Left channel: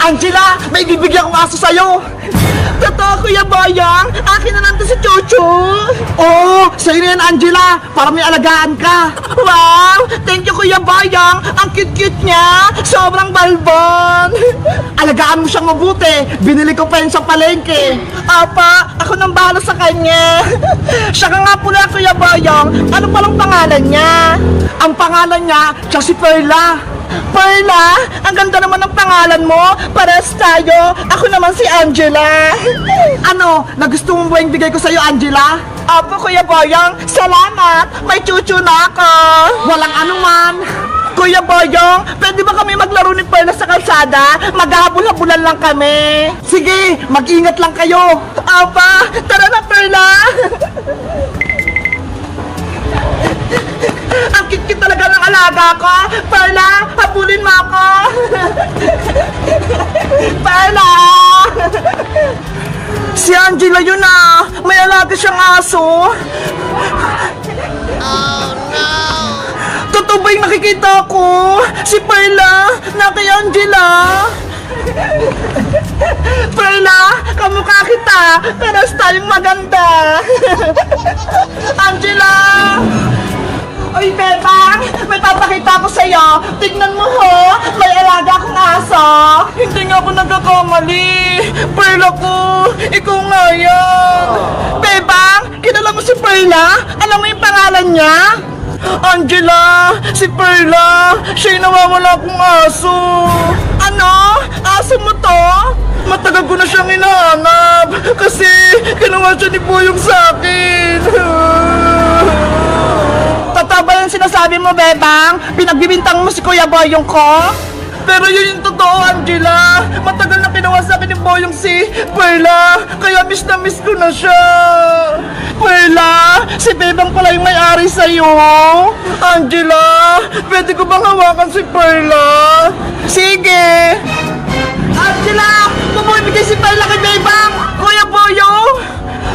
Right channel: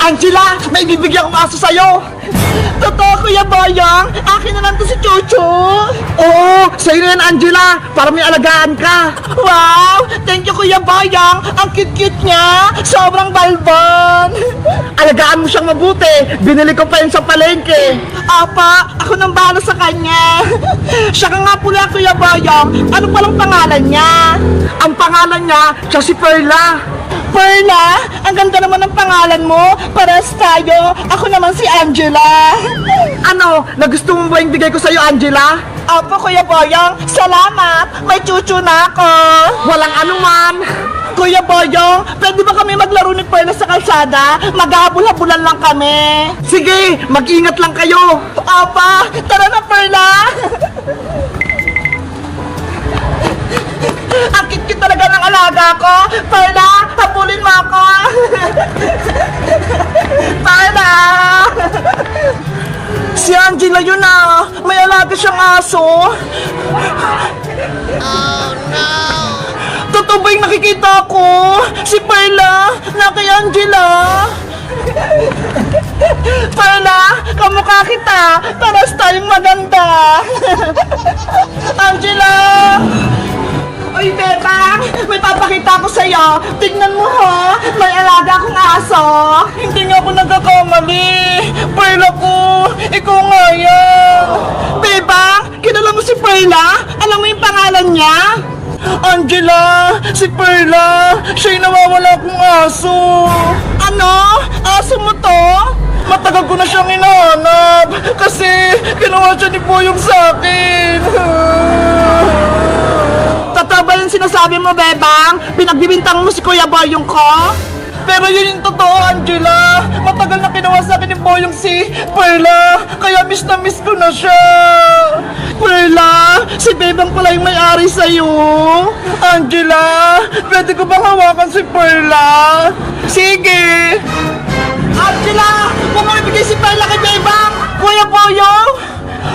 Angela, may bibigyan kong aso sa'yo. Totoo, Kuya Boyong. Akin na lang to si Chuchu. Oo, sa'yo na yan, Angela. Para may alagaan ka. Wow! Thank you, Kuya Boyong. Ang cute-cute niya. Sobrang balbon. Alagaan mo siyang mabuti. Binili ko pa yun sa palengke. Apa, ako nang bahala sa kanya. Siya ka nga pula, Kuya Boyong. Ano palang pangalan niya? Ang pangalan niya, siya si Perla. Perla, ang ganda naman ng pangalan mo. Pares tayo. Ako naman si Angela. Ano, nagustuhan mo ba yung bigay ko sa'yo, Angela? Opo, Kuya Boyong. Salamat. May chuchu na ako. Walang anuman. Kuya Boyong, pwede ba kami maglaro ni Perla sa kalsada? Maghahabol-habulan lang kami. Sige, mag-ingat lang kayo. Opa, tara na, Perla. Ang cute talaga ng alaga ko. Perla, habulin mo ako. Perla. Si Angela yun ah. May alaga siyang aso. Oh no. Totoo ba yung nakikita ko? Si Perla na kay Angela. Perla, kamukha kita. Paras tayong maganda. Angela. Uy, Bebang, may papakita ko sa'yo. Tignan mo ho, may alaga akong aso. Hindi nga ako nagkakamali. Perla ko, ikaw nga yan. Bebang, kilala mo si Perla? Alam mo yung pangalan niya? Angela, si Perla, siya'y nawawala akong aso. Ano? Aso mo to? Matagal ko na siyang hinahanap kasi ginawa siya ni Boyong sa akin. Totoo ba yung sinasabi mo, Bebang? Pinagbibintang mo si Kuya Boyong ko? Pero yun yung totoo, Angela. Matagal na ginawa sa akin ni Boyong si Perla. Kaya miss na miss ko na siya. Perla, si Bebang pala yung may-ari sa'yo. Angela, pwede ko bang hawakan si Perla? Sige. Angela, mamibigay si Perla kay Bebang. Kuya Boyong.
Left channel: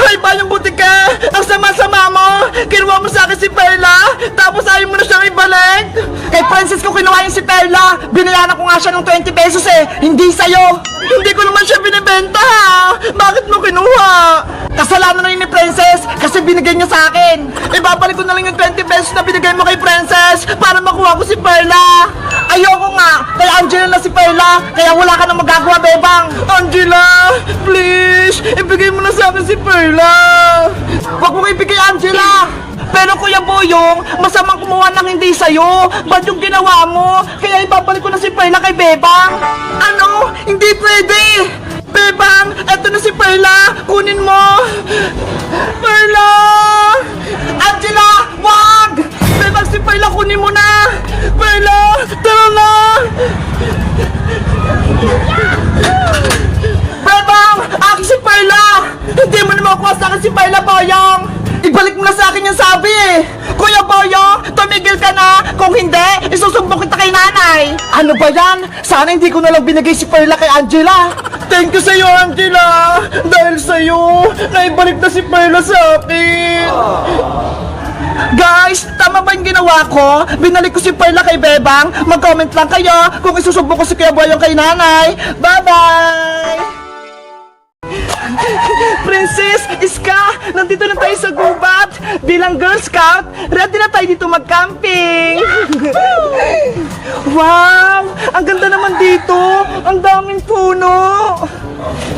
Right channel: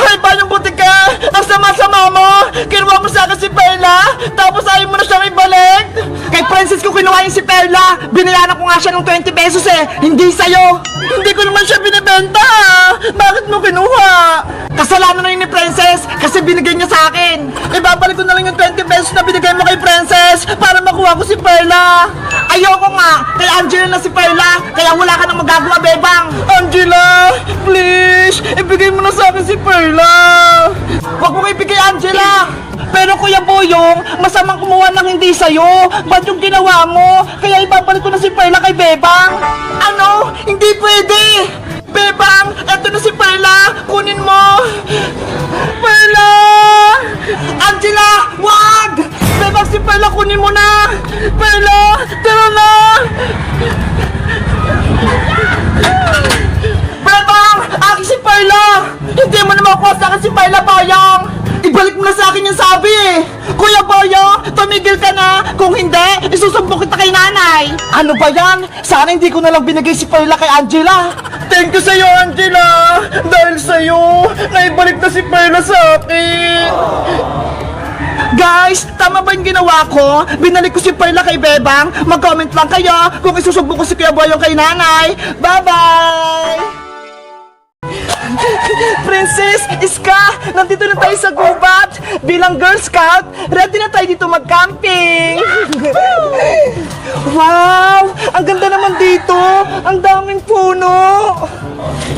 Hey, Bayong Butika! Ang sama-sama mo! Kinuha mo sa akin si Perla, tapos ayaw mo na siyang ibalik! Kay Princess ko kinuha yung si Perla! Binayaran ko nga siya ng 20 pesos eh! Hindi sa'yo! Hindi ko naman siya binibenta ha! Bakit mo kinuha? Kasalanan na yun ni Princess kasi binigay niya sa akin! Ibabalik ko na lang yung 20 pesos na binigay mo kay Princess para makuha ko si Perla! Ayoko nga! Kay Angela na si Perla! Kaya wala ka nang magagawa, Bebang! Angela! Please! Ibigay mo na sa akin si Perla! Huwag mo ibigay, Angela! Pero Kuya Boyong, masamang kumuha ng hindi sa'yo. Ba't yung ginawa mo? Kaya ibabalik ko na si Perla kay Bebang. Ano? Hindi pwede! Bebang, eto na si Perla. Kunin mo. Perla! Angela, wag! Bebang, si Perla, kunin mo na. Perla, tara na. Bebang, akin si Perla. Hindi mo na makuha sa akin si Perla, Boyong. Ibalik mo na sa akin yung sabi eh. Kuya Boyong, tumigil ka na. Kung hindi, isusumbong kita kay nanay. Ano ba yan? Sana hindi ko na lang binigay si Perla kay Angela. Thank you sa'yo, Angela. Dahil sa'yo, naibalik na si Perla sa akin. Guys, tama ba yung ginawa ko? Binalik ko si Perla kay Bebang. Mag-comment lang kayo kung isusumbong ko si Kuya Boyong kay nanay. Bye-bye! Princess, Iska, nandito na tayo sa gubat. Bilang Girl Scout, ready na tayo dito mag-camping. Wow, ang ganda naman dito. Ang daming puno.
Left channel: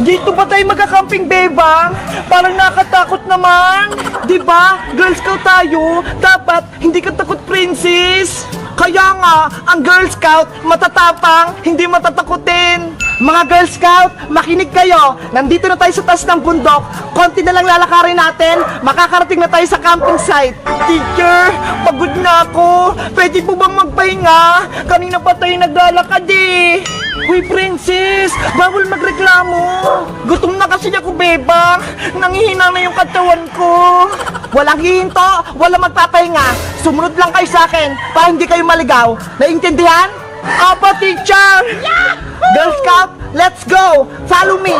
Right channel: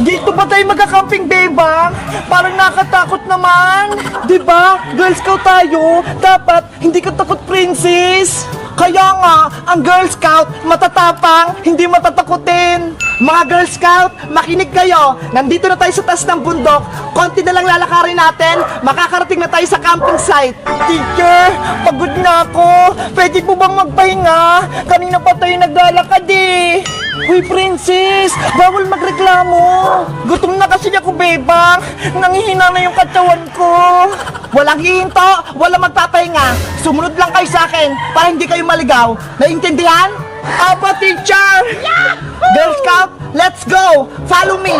Dito ba tayo magka-camping, Bebang? Parang nakatakot naman. Diba, Girl Scout tayo. Dapat, hindi ka takot, Princess. Kaya nga, ang Girl Scout matatapang, hindi matatakutin. Mga Girl Scout, makinig kayo. Nandito na tayo sa taas ng bundok. Konti na lang lalakarin natin. Makakarating na tayo sa camping site. Teacher, pagod na ako. Pwede po bang magpahinga? Kanina pa tayo naglalakad eh. Uy, Princess, bawal magreklamo. Gutom na kasi ako, Bebang. Nangihina na yung katawan ko. Walang hihinto, walang magpapahinga. Sumunod lang kayo sa akin para hindi kayo maligaw. Naintindihan? Apa, teacher! Yahoo! Girl Scout, let's go! Follow me!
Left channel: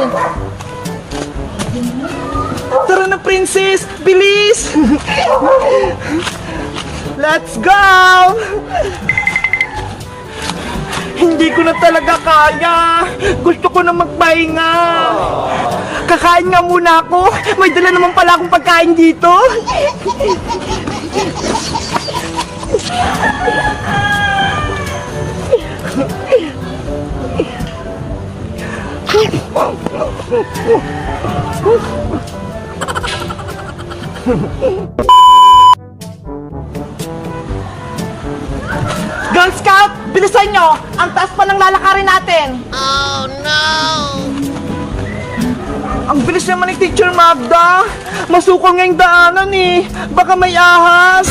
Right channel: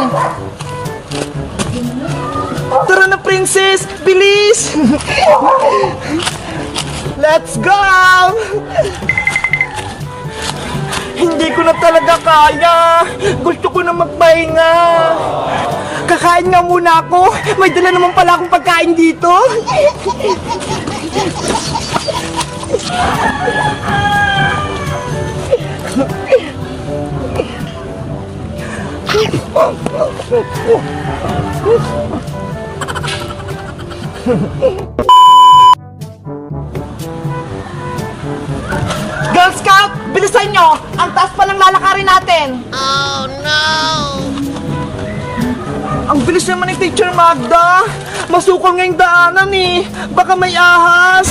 Tara na, Princess! Bilis! Let's go! Hindi ko na talaga kaya. Gusto ko na magpahinga. Kakain nga muna ako. May dala naman pala akong pagkain dito. Girl Scout, bilisan nyo! Ang taas pa ng lalakarin natin! Oh no! Ang bilis naman ni Teacher Magda! Masukol nga yung daanan eh! Baka may ahas!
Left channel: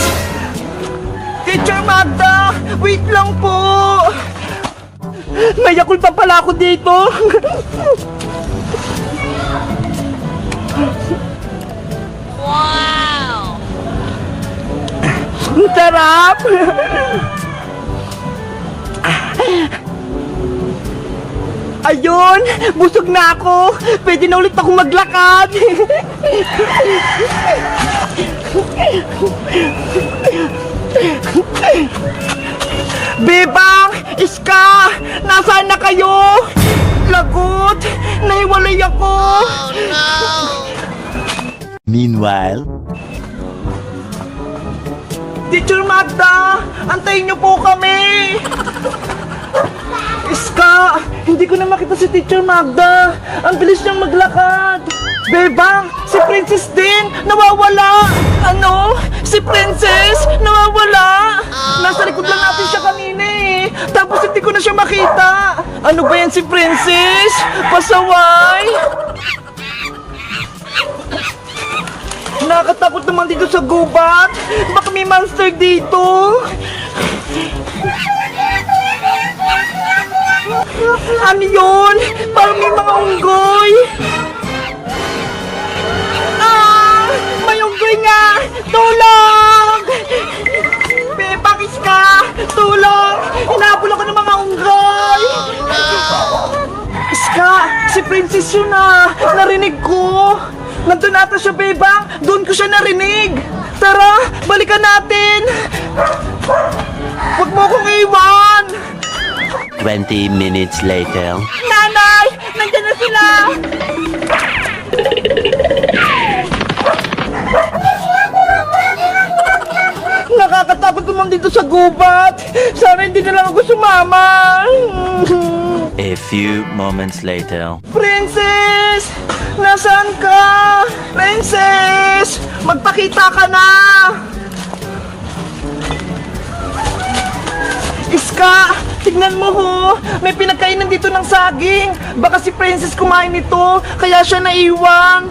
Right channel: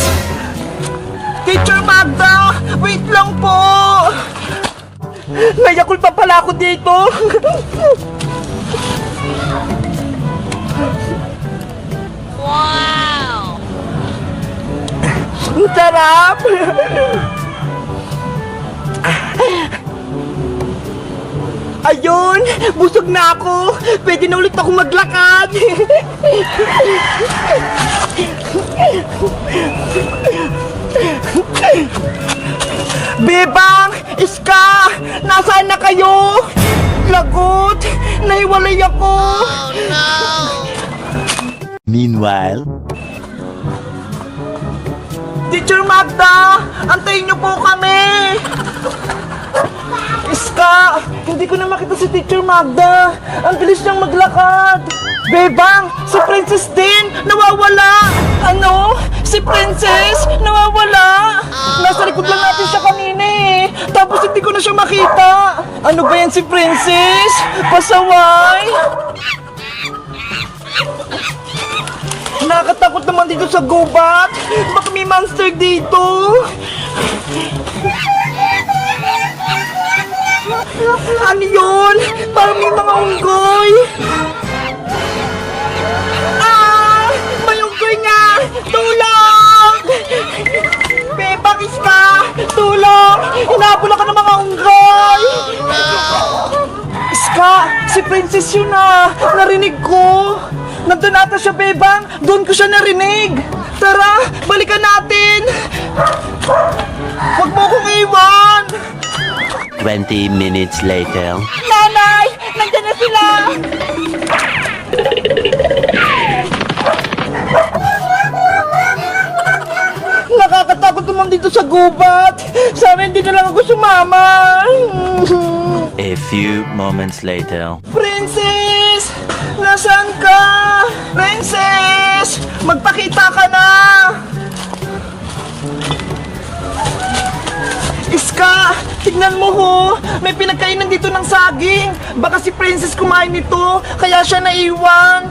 Teacher Magda! Wait lang po! Nayakul pa pala ako dito! Wow! Ang sarap! Ayun! Busog na ako! Pwede na ulit ako maglakad! Bebang! Iska! Nasaan na kayo? Lagot! Nahiwalay ako! Oh no! Meanwhile, Teacher Magda! Antayin niyo po kami! Iska! Hindi ko na makita si Teacher Magda! Ang bilis niyang maglakad! Bebang! Si Princess din! Nawawala! Ano? Si Princess? Nawawala! Nasa likod lang natin siya kanina eh! Tapos hindi ko na siya makita! Ano ba yan si Princess? Pasaway! Nakakatakot naman dito sa gubat! Baka may monster dito! Ano yun? Parang may mga unggoy! Ah! May unggoy nga! Tulong! Bebang Iska! Tulong! Hinabol ako ng mga unggoy! Oh no! Iska! Si Princess yun ah! Narinig ko! Nandun ata siya, Bebang! Doon ko siya narinig! Tara! Balikan natin! Huwag mo akong iwan! 20 minutes later. Nanay! Nandiyan na sila! Nakakatakot naman dito sa gubat! Sana hindi na lang ako sumama! A few moments later. Princess! Nasaan ka? Princess! Magpakita ka na! Iska! Tignan mo ho! May pinagkainan dito ng saging! Baka si Princess kumain nito, kaya siya naiwan!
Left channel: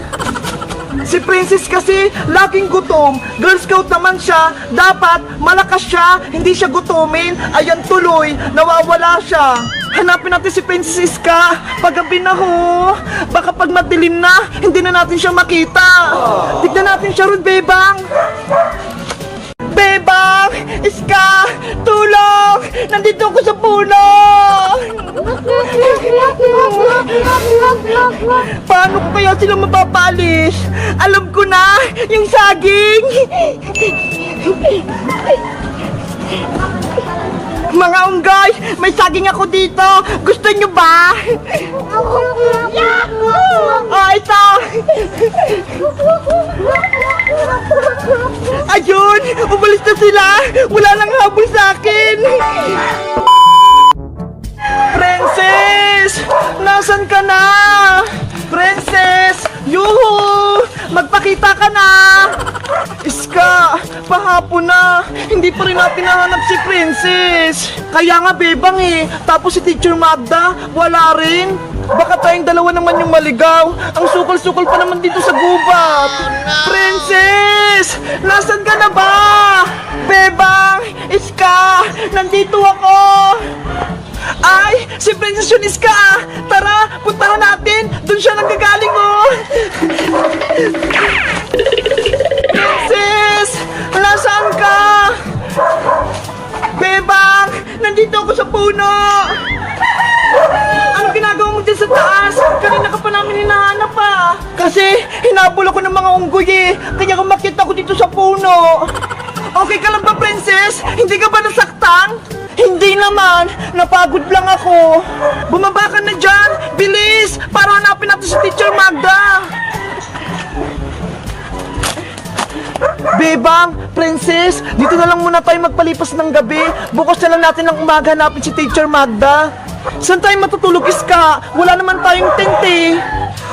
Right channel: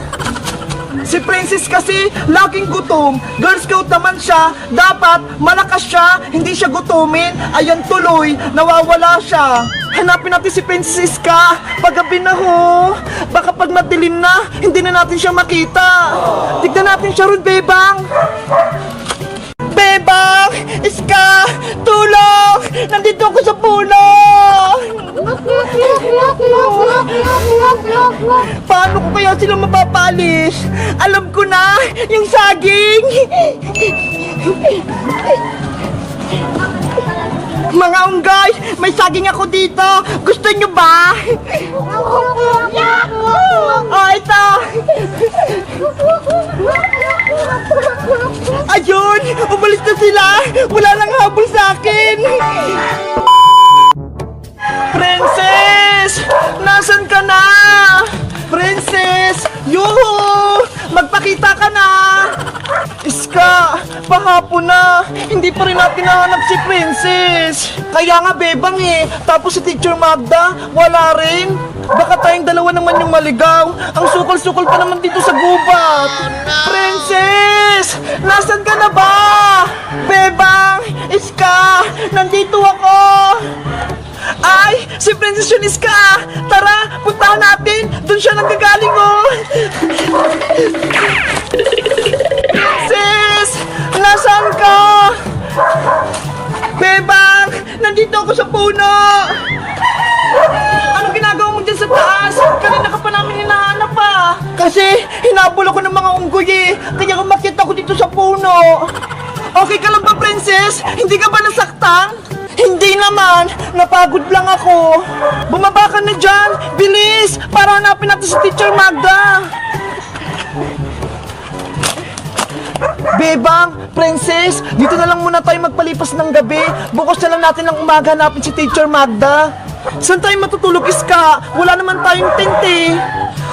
Si Princess kasi laging gutom. Girl Scout naman siya. Dapat malakas siya, hindi siya gutumin. Ayan tuloy, nawawala siya. Hanapin natin si Princess Iska. Paggabi na ho. Baka pag madilim na, hindi na natin siya makita. Tignan natin siya ron, Bebang. Bebang! Iska! Tulong! Nandito ako sa puno! Paano ko kaya sila mapapalis? Alam ko na! Yung saging! Mga unggay! May saging ako dito! Gusto nyo ba? Oh, ito! Ayun! Umalis na sila! Wala lang habol sa akin! Princess! Nasaan ka na? Princess! Yuhu! Magpakita ka na! Iska! Pahapon na! Hindi pa rin natin nahanap si Princess! Kaya nga bebang eh! Tapos si Teacher Magda, wala rin! Baka tayong dalawa naman yung maligaw! Ang sukol-sukol pa naman dito sa gubat! Princess! Nasaan ka na ba? Bebang! Iska! Nandito ako! Ay! Si Princess yun, Iska! Tara! Puntahan natin! Doon siya nanggagaling, oh! Princess! Nasaan ka? Bebang! Nandito ako sa puno! Anong ginagawa mo dyan sa taas? Kanina ka pa namin hinahanap pa! Kasi hinabol ako ng mga unggoy eh! Kaya kumakit ako dito sa puno! Okay ka lang ba, Princess? Hindi ka ba nasaktan? Hindi naman! Napagod lang ako! Bumaba ka na dyan! nandito si Teacher Magda. Bebang, Princess, dito na lang muna tayo magpalipas ng gabi. Bukas na lang natin ng umaga hanapin si Teacher Magda. Saan tayo matutulog, Iska? Wala naman tayong tent eh.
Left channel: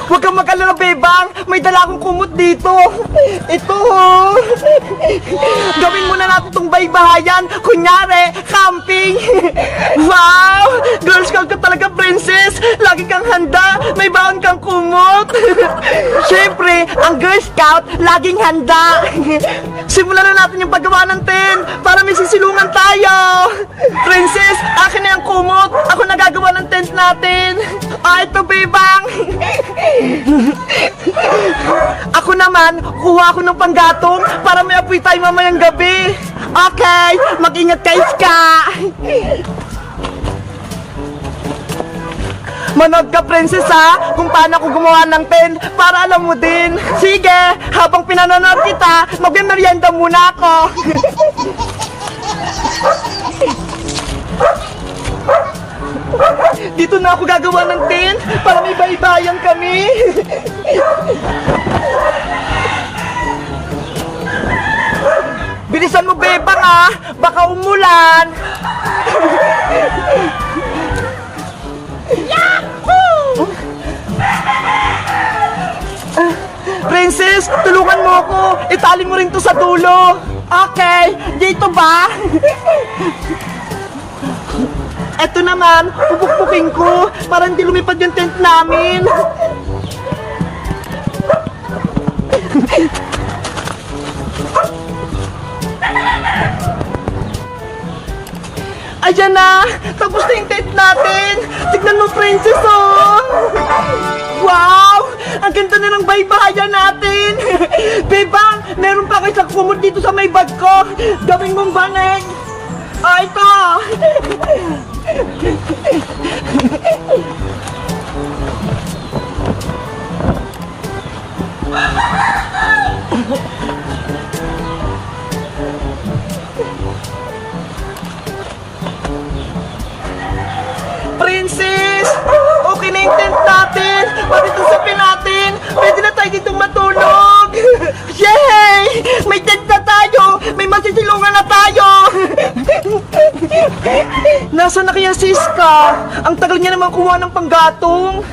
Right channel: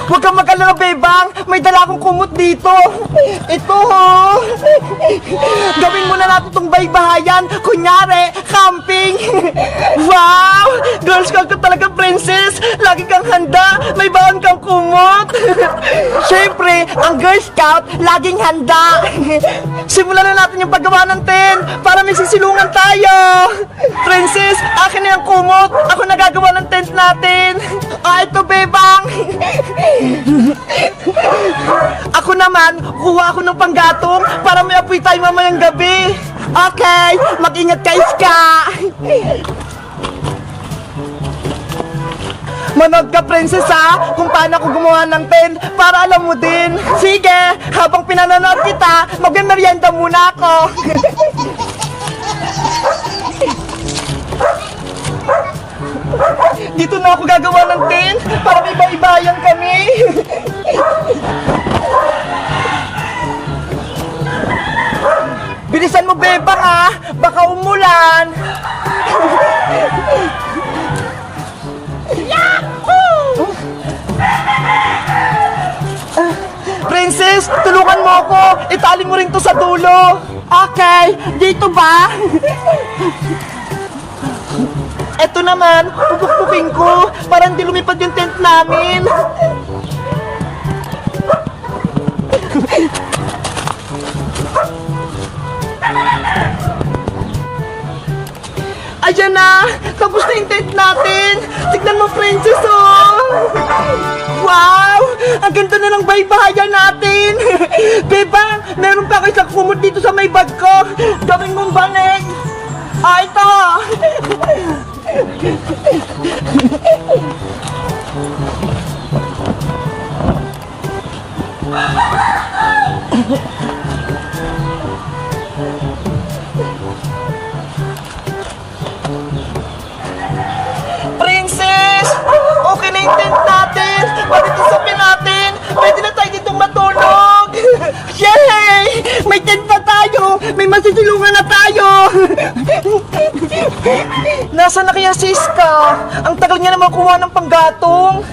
Huwag kang mag-alala, Bebang. May dala akong kumot dito. Ito, oh. Gawin muna natin itong baybahayan. Kunyari, camping. Wow! Girl Scout ka talaga, Princess. Lagi kang handa. May baon kang kumot. Siyempre, ang Girl Scout, laging handa. Simulan na natin yung paggawa ng tent para may sisilungan tayo. Princess, akin na yung kumot. Ako nagagawa ng tent natin. Ito, Bebang. Ako naman, kuha ako ng panggatong para may apoy tayo mamayang gabi. Okay, mag-ingat kayo, Iska. Manood ka, Princess, ha? Kung paano ako gumawa ng tent para alam mo din. Sige, habang pinanonood kita, magmemerienda muna ako. Dito na ako gagawa ng tent para may baybayan kami. Bilisan mo, Bebang, ha? Baka umulan. Princess, tulungan mo ako. Itali mo rin to sa dulo. Okay, dito ba? Eto naman, pupukpukin ko para hindi lumipad yung tent namin. Ayan na! Tapos na yung tent natin! Tignan mo, Princess, oh! Wow! Ang ganda na ng baybahayan natin! Bebang, meron pa kayo sa kumot dito sa may bag ko! Gawin mong bangeng! Ito! Princess! Okay na yung tent natin! Pwede tusapin natin! Pwede na tayo ditong matulog! Yay! May tent na tayo! May masisilungan na tayo! Nasaan na kaya si Iska? Ang tagal niya naman kuha ng panggatong!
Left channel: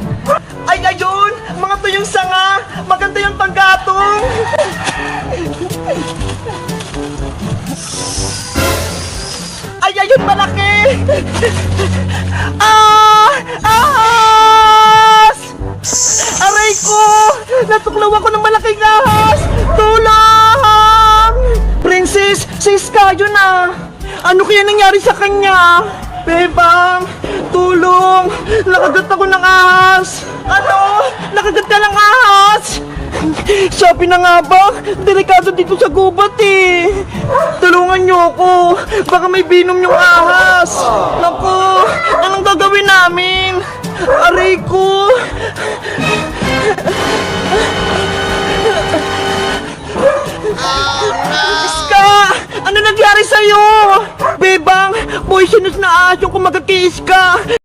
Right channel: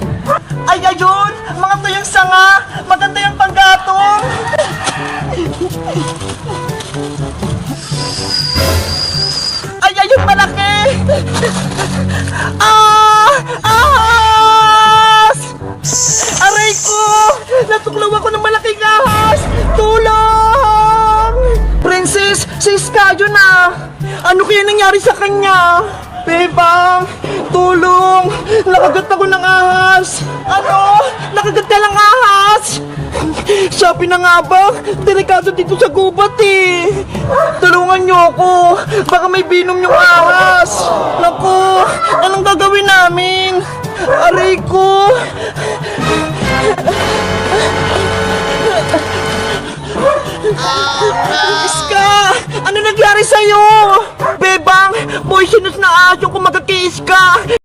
Ay, ayun! Mga tuyong sanga! Maganda yung panggatong! Ay, ayun, malaki! Ahas! Aray ko! Natuklaw ako ng malaking ahas! Tulong! Princess, si Iska yun ah! Ano kaya nangyari sa kanya? Bebang, tulong! Nakagat ako ng ahas! Ano? Nakagat ka ng ahas? Sabi na nga ba, delikado dito sa gubat eh. Tulungan niyo ako, baka may binom yung ahas. Naku, anong gagawin namin? Aray ko. Iska, ano nangyari sa'yo? Bebang, poisonous na ahas yung kumagat kay Iska.